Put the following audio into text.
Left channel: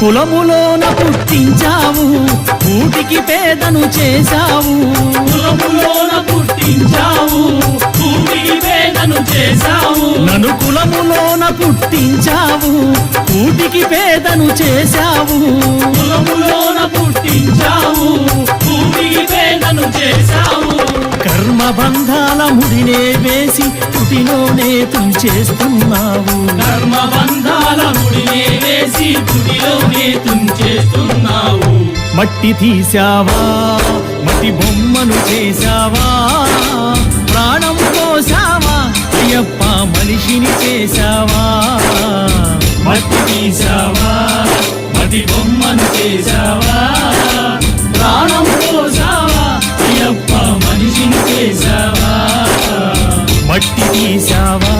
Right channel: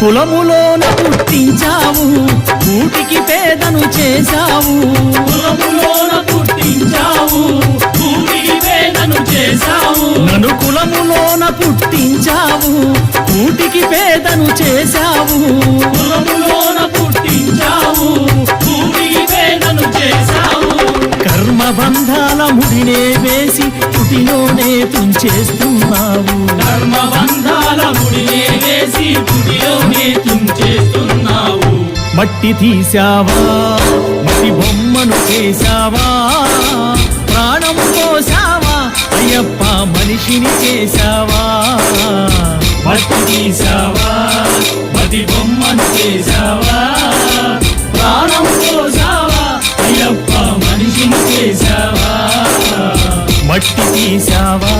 కులములోన పుట్టించావు కూటికి పేదను చేశావు కులములోన పుట్టించావు కూటికి పేదను చేశావు నన్ను కులములోన పుట్టించావు కూటికి పేదను చేశావు కులములోన పుట్టించావు కూటికి పేదను చేశావు కర్మబంధాల ముడినే వేసి తుటిలోనే తుంచేస్తున్నావు కర్మబంధాల ముడినే వేసి తుడిలోనే తుంచేస్తున్నావు మట్టి తీసావా మట్టి బొమ్మను చేశావా ప్రాణం పోసావా అయ్యప్ప మనిషిని చేశావా మట్టి తీసావా మట్టి బొమ్మను చేశావా ప్రాణం పోసావా అయ్యప్ప మనిషిని చేశావా మట్టి తీసావా